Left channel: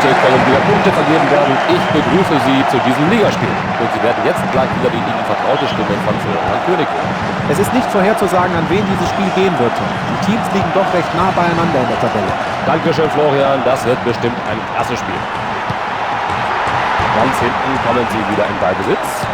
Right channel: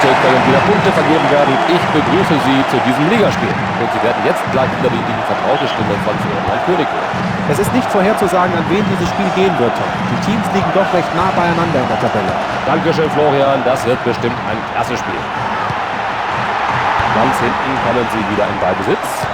Heute können wieder Punkte vergeben werden. Ich begrüße Sie zu diesem Ligaspiel. Und Sie werden jetzt gleich wieder die Ihnen vertraute Stimme von Florian König hören. Es ist nicht vorherzusagen, an wen dieses Spiel gehen wird, Tom. Die Teams liegen doch recht nah beieinander in der Tabelle. Dankeschön, Florian. Das wird bestimmt ein klasse Spiel. Ganz hinten kommen Sie wieder in Ballbesitz.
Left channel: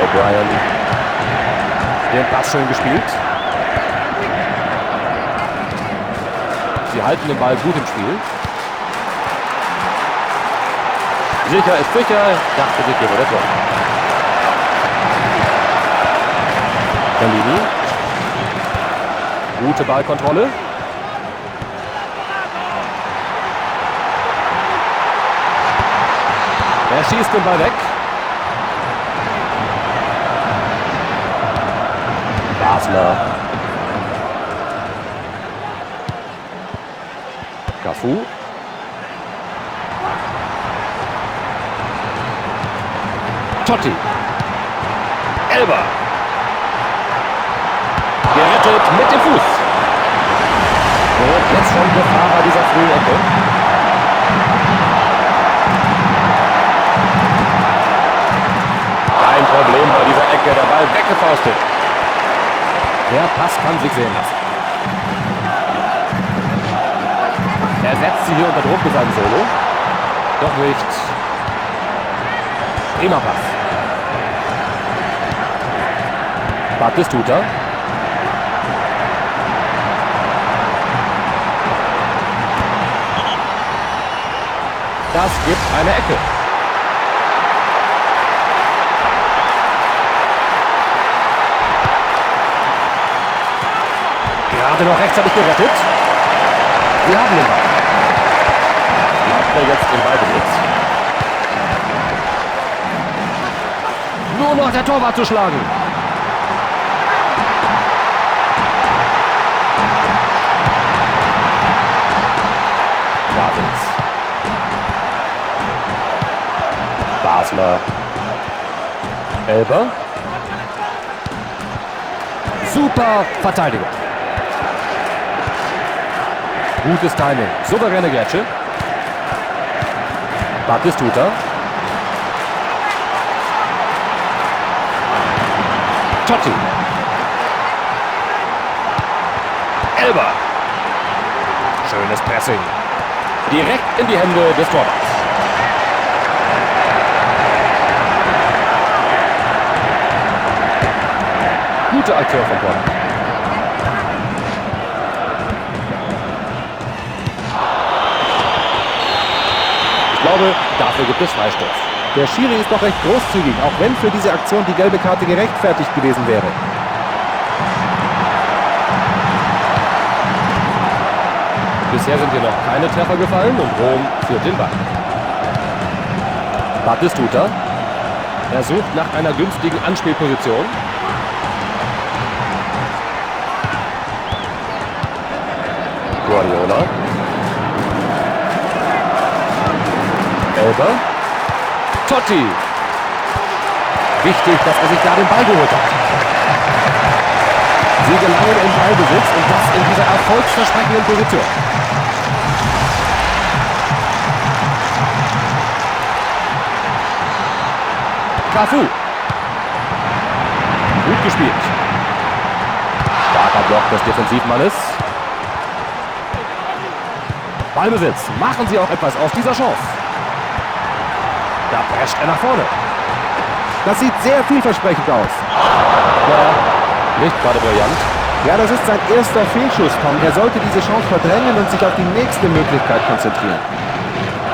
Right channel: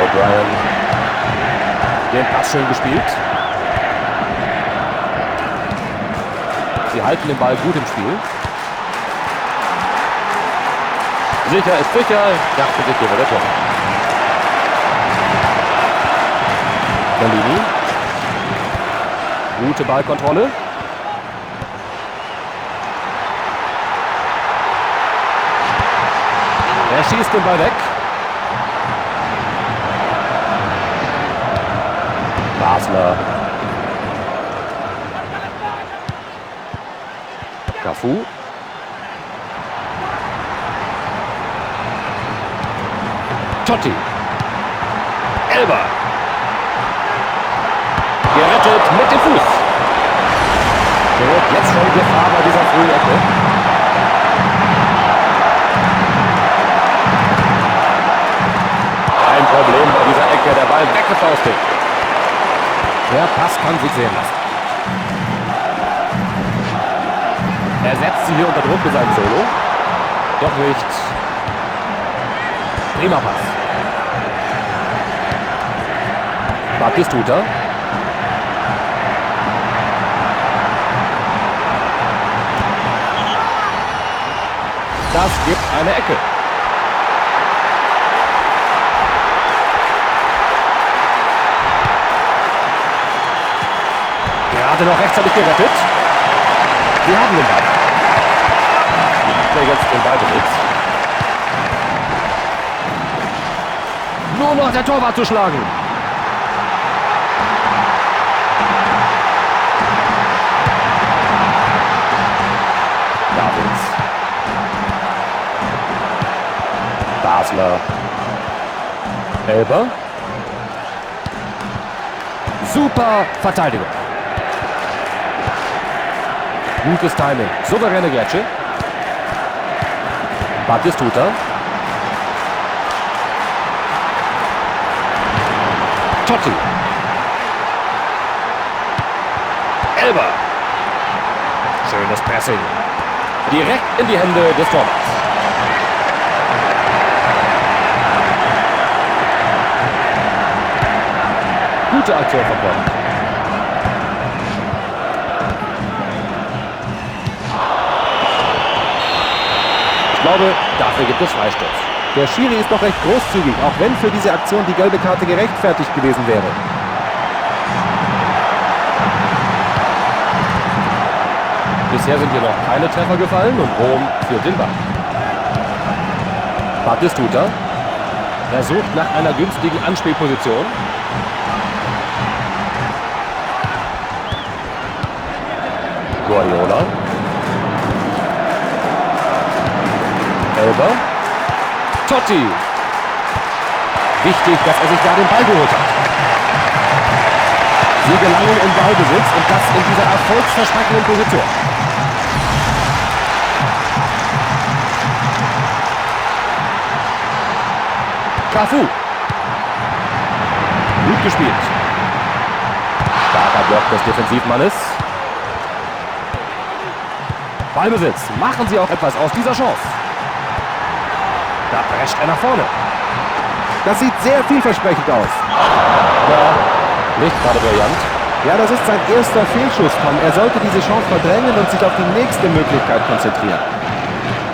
O'Brien. Den Pass schön gespielt. Sie halten den Ball gut im Spiel. Sicher ist sicher, dachte sich hier wohl der Tor. Bellini. Gute Ballkontrolle. Er schießt den Ball weg. Basler. Cafu. Totti. Elber. Gerettet mit dem Fuß. Und jetzt schon Gefahr bei dieser frühen Ecke. Kein Problem bei dieser Ecke. Der Ball weggefaustet. Der Pass kann sich sehen lassen. Er setzt sie hier unter Druck mit seinem Solo. Doch nicht. Prima Pass. Batistuta. Das gibt eine Ecke. Gerade noch rechtzeitig gerettet. Sie haben den Ball. Die Abwehr jetzt im Ballbesitz. Nur noch der Torwart zu schlagen. Davids. Basler. Elber. Super Verteidigung. Gutes Timing. Souveräne Grätsche. Batistuta. Totti. Elber. Schönes Pressing. Direkt in die Hände des Torwarts. Gute Aktion vom Torwart. Ich glaube, dafür gibt es Freistoß. Der Schiri ist doch recht großzügig, auch wenn für diese Aktion die gelbe Karte gerechtfertigt gewesen wäre. Bisher sind hier noch keine Treffer gefallen und Rom führt den Ball. Batistuta. Er sucht nach einer günstigen Anspielposition. Guardiola. Elber. Totti. Wichtig, dass er sich da den Ball geholt hat. Sie gelangen in Ballbesitz und das in dieser erfolgsversprechenden Position. Cafu. Gut gespielt. Starker Block des Defensivmannes. Ballbesitz. Machen Sie auch etwas aus dieser Chance. Da prescht er nach vorne. Das sieht sehr vielversprechend aus. Ja, nicht gerade brillant. Ja, das ist sein erster Fehlschuss, Tom. Er sollte diese Chance verdrängen und sich auf die nächste Möglichkeit konzentrieren.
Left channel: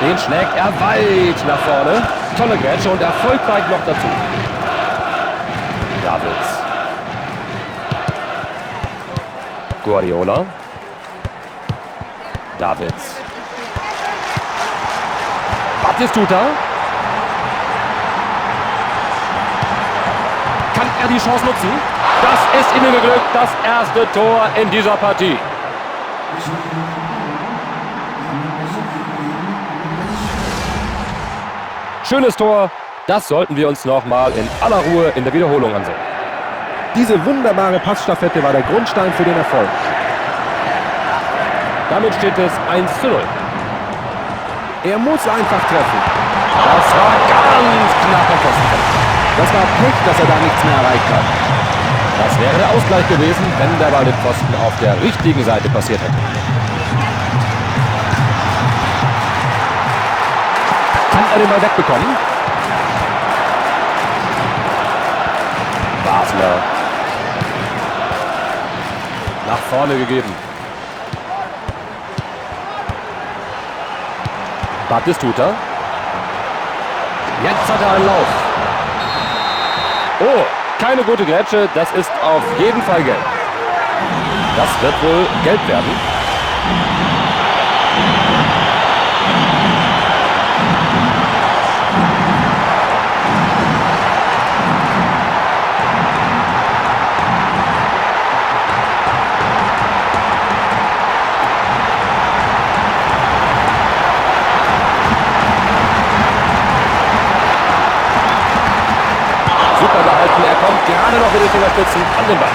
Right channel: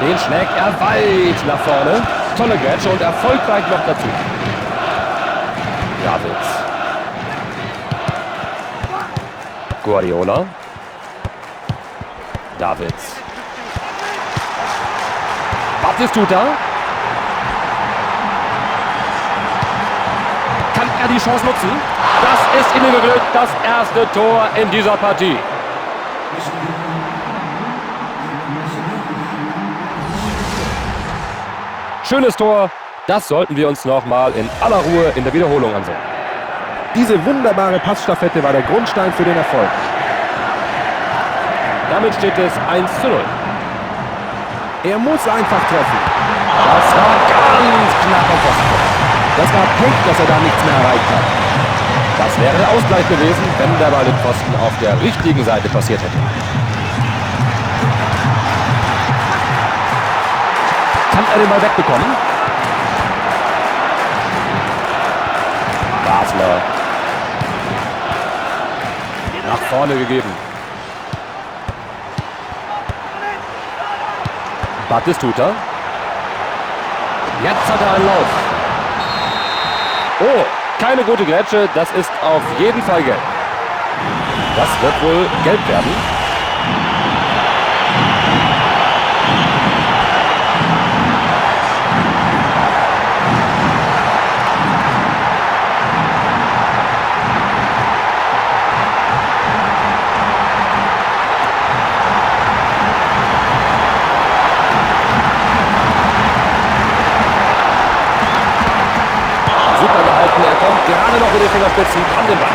Den schlägt er weit nach vorne. Tolle Grätsche und erfolgreich noch dazu. Davids. Guardiola. Davids. Batistuta. Kann er die Chance nutzen? Das ist ihnen geglückt, das erste Tor in dieser Partie. Schönes Tor, das sollten wir uns noch mal in aller Ruhe in der Wiederholung ansehen. Diese wunderbare Passstaffette war der Grundstein für den Erfolg. Damit steht es 1:0. Er muss einfach treffen. Das war ganz knapp am Pfosten. Das war Pech, dass er da nichts mehr erreicht hat. Das wäre der Ausgleich gewesen, wenn der Ball den Pfosten auf der richtigen Seite passiert hätte. Kann er den Ball wegbekommen? Basler. Nach vorne gegeben. Batistuta. Jetzt hat er einen Lauf. Oh, keine gute Grätsche. Das ist auf jeden Fall gelb. Das wird wohl gelb werden. Super gehalten, er kommt gerade noch mit den Fingerspitzen an den Ball.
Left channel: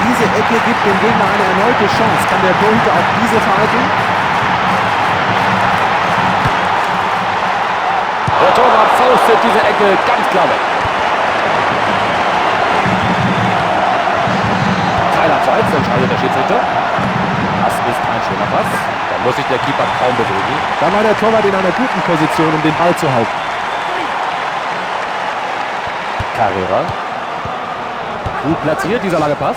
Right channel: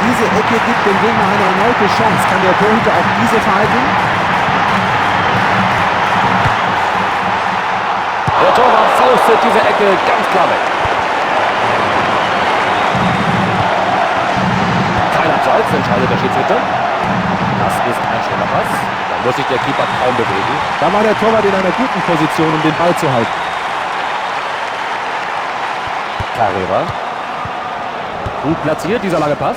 Diese Ecke gibt dem Gegner eine erneute Chance. Kann der Torhüter auch diese verhalten? Der Torwart faustet diese Ecke ganz klar weg. Kein Abseits, entscheidet der Schiedsrichter. Das ist ein schöner Pass. Da muss sich der Keeper kaum bewegen. Da war der Torwart in einer guten Position, um den Ball zu halten. Carrera. Gut platziert, dieser lange Pass.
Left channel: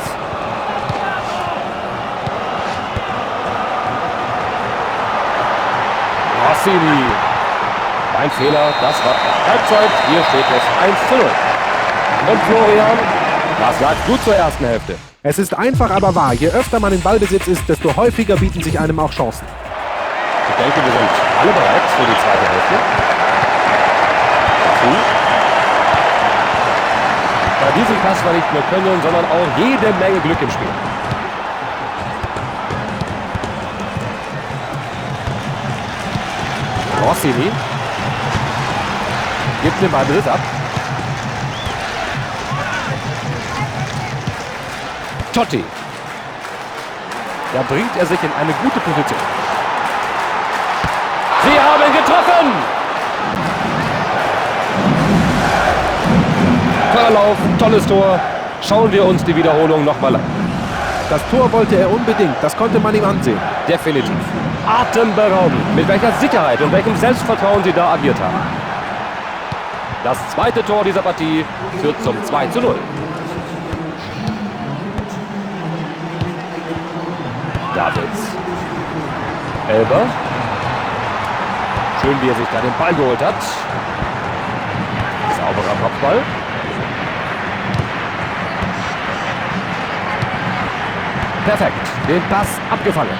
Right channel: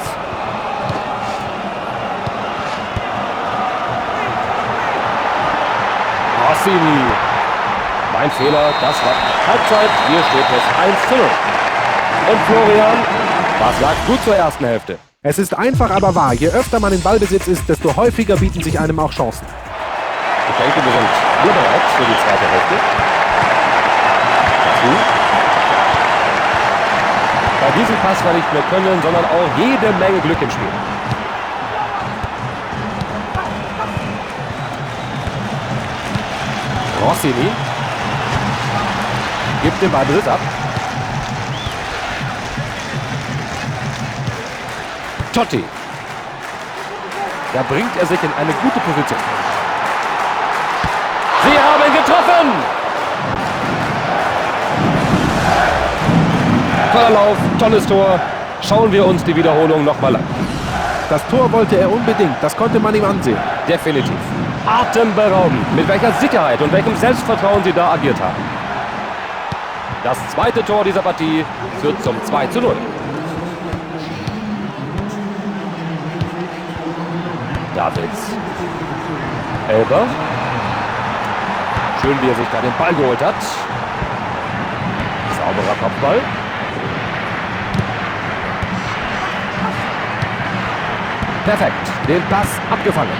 Rossini. Mein Fehler, das war Halbzeit. Hier steht es 1:0. Und Florian, was sagst du zur ersten Hälfte? Es ist einfach, aber wahr. Je öfter man in Ballbesitz ist, desto häufiger bieten sich einem auch Chancen. Ich denke, wir sind alle bereit für die zweite Hälfte. Dazu. Bei diesem Pass war nicht nur Können, sondern auch jede Menge Glück im Spiel. Rossini gibt den Ballbesitz ab. Totti. Da bringt er sich in eine gute Position. Sie haben getroffen! Toller Lauf, tolles Tor. Schauen wir uns die Wiederholung nochmal an. Das Tor wollte er unbedingt, das konnte man ihm ansehen. Definitiv. Atemberaubend, mit welcher Sicherheit und welchem Selbstvertrauen sie da agiert haben. Das zweite Tor dieser Partie führt zum 2:0. Davids. Elber. Schön, wie er sich da den Ball geholt hat. Sauberer Kopfball. Perfekt, den Pass abgefangen.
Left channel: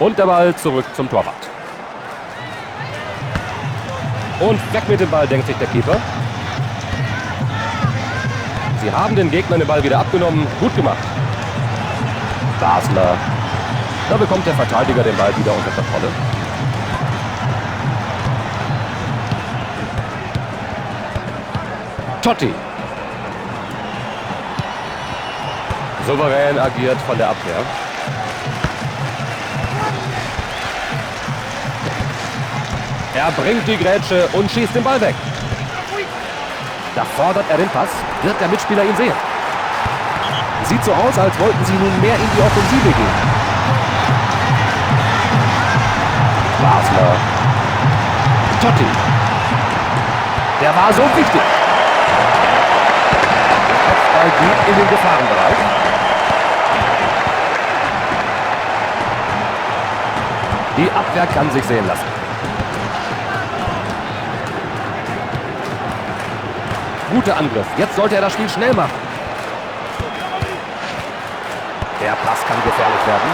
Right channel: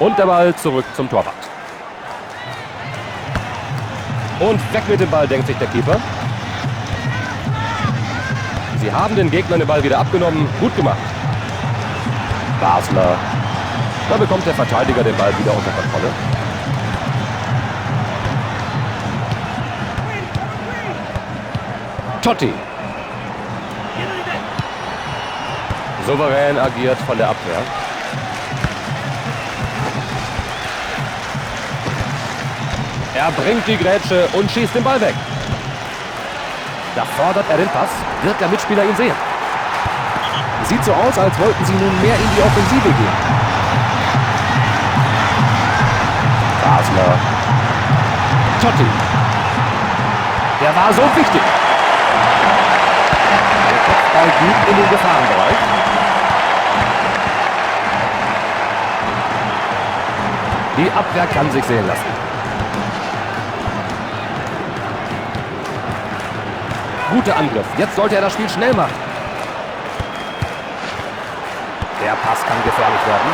Und der Ball zurück zum Torwart. Und weg mit dem Ball, denkt sich der Keeper. Sie haben den Gegnern den Ball wieder abgenommen. Gut gemacht. Basler. Da bekommt der Verteidiger den Ball wieder unter Kontrolle. Totti. Souverän agiert von der Abwehr. Er bringt die Grätsche und schießt den Ball weg. Da fordert er den Pass. Wird der Mitspieler ihn sehen? Sieht so aus, als wollten sie nun mehr in die Offensive gehen. Basler. Totti. Der war so wichtig. Der Kopfball geht in den Gefahrenbereich. Die Abwehr kann sich sehen lassen. Guter Angriff. Jetzt sollte er das Spiel schnell machen. Der Pass kann gefährlich werden.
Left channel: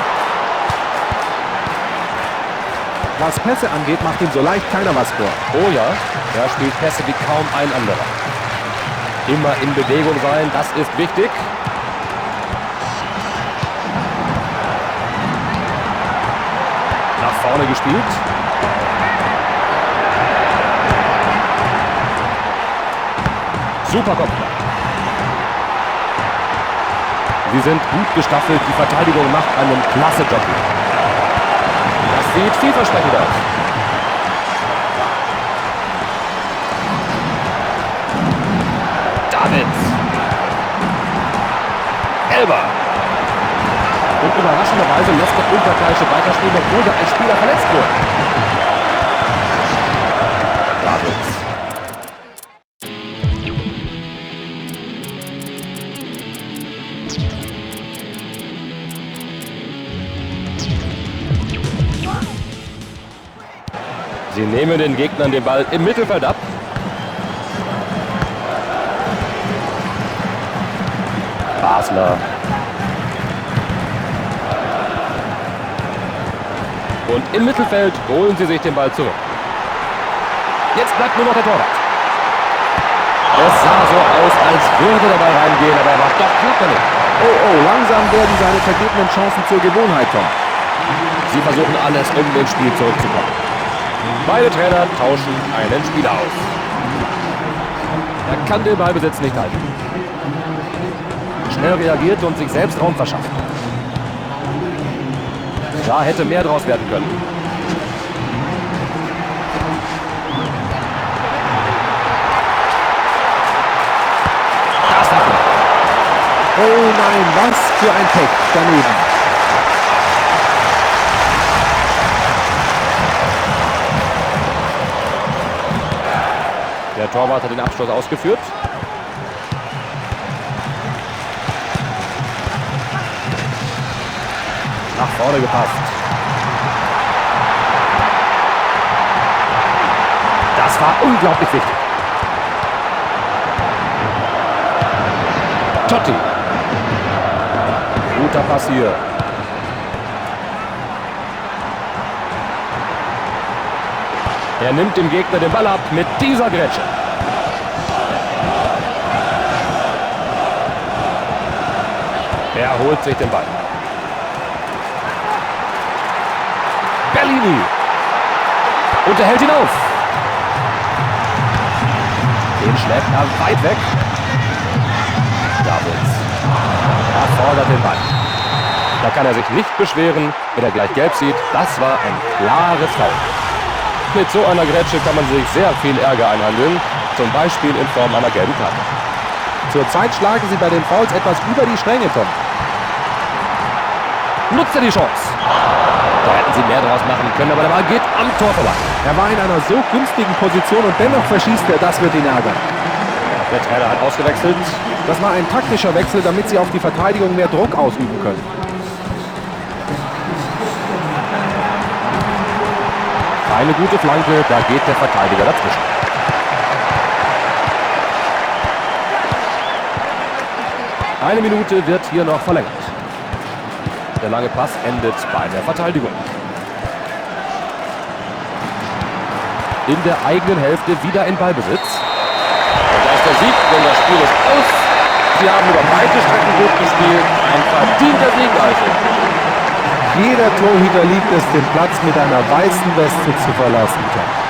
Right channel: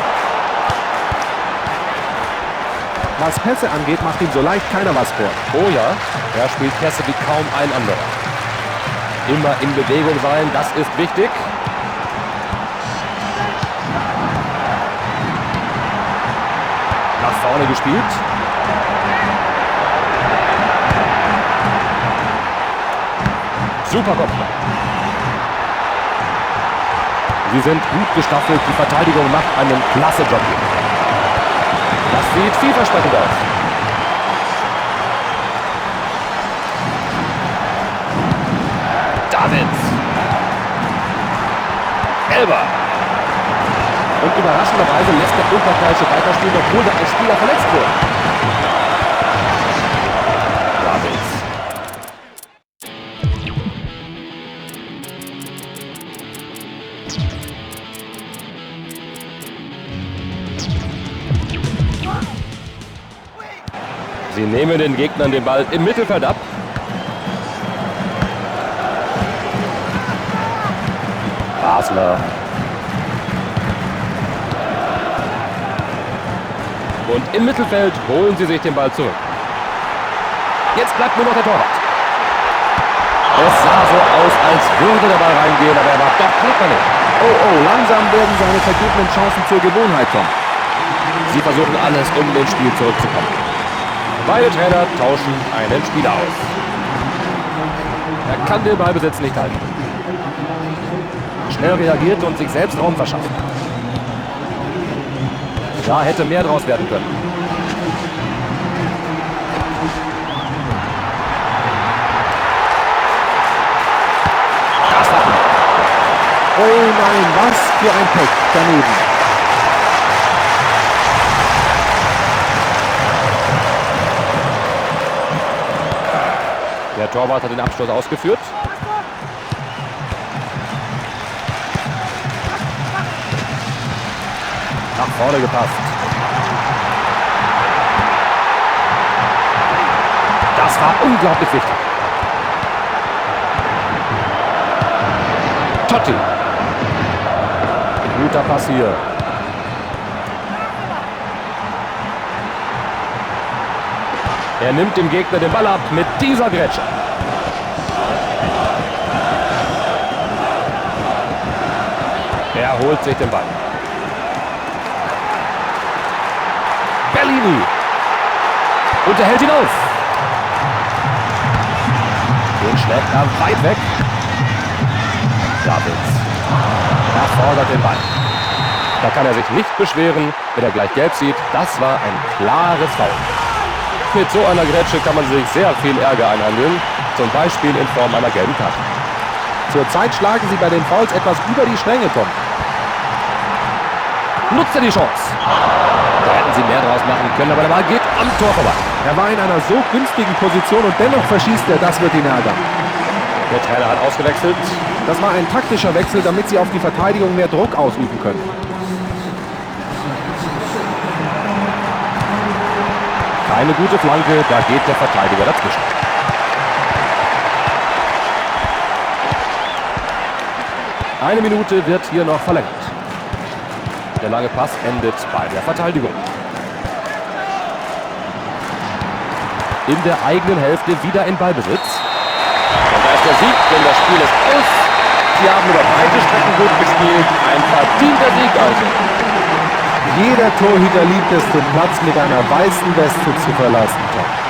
Was Pässe angeht, macht ihm so leicht keiner was vor. Oh ja, er spielt Pässe wie kaum ein anderer. Immer in Bewegung sein, das ist wichtig. Nach vorne gespielt. Super Kopfball. Sie sind gut gestaffelt. Die Verteidigung macht einen klasse Job hier. Das sieht vielversprechend aus. Davids. Elber. Und überraschenderweise lässt der Unterkreische weiterspielen, obwohl da ein Spieler verletzt wurde. Davids. Sie nehmen den Gegnern den Ball im Mittelfeld ab. Basler. Und im Mittelfeld holen sie sich den Ball zurück. Jetzt bleibt nur noch der Torwart. Es sah so aus, als würde der Ball reingehen, aber er war doch knapp daneben. Oh, langsam werden seine vergebenen Chancen zur Gewohnheit, Tom. Sie versuchen alles, um ins Spiel zurückzukommen. Beide Trainer tauschen einen Spieler aus. Er kann den Ballbesitz nicht halten. Schnell reagiert und sich selbst Raum verschafft. Da hätte mehr draus werden können. Das hat er. Oh nein, was für ein Pech daneben. Der Torwart hat den Abschluss ausgeführt. Nach vorne gepasst. Das war unglaublich wichtig. Totti. Guter Pass hier. Er nimmt dem Gegner den Ball ab mit dieser Grätsche. Er holt sich den Ball. Bellini. Und er hält ihn auf. Den schlägt er weit weg. Davids. Er fordert den Ball. Da kann er sich nicht beschweren, wenn er gleich gelb sieht. Das war ein klares Foul. Mit so einer Grätsche kann man sich sehr viel Ärger einhandeln. Zum Beispiel in Form einer gelben Karte. Zurzeit schlagen sie bei den Fouls etwas über die Stränge, Tom. Nutzt er die Chance. Da hätten sie mehr draus machen können, aber der Ball geht am Tor vorbei. Er war in einer so günstigen Position und dennoch verschießt er. Das wird ihn ärgern. Der Trainer hat ausgewechselt. Das war ein taktischer Wechsel, damit sie auf die Verteidigung mehr Druck ausüben können. Keine gute Flanke, da geht der Verteidiger dazwischen. Eine Minute wird hier noch verlängert. Der lange Pass endet bei der Verteidigung. In der eigenen Hälfte wieder in Ballbesitz. Und da ist der Sieg, denn das Spiel ist aus. Sie haben über weite Strecken gut gespielt. Ein verdienter Sieg also. Jeder Torhüter liebt es, den Platz mit einer weißen Weste zu verlassen, Tom.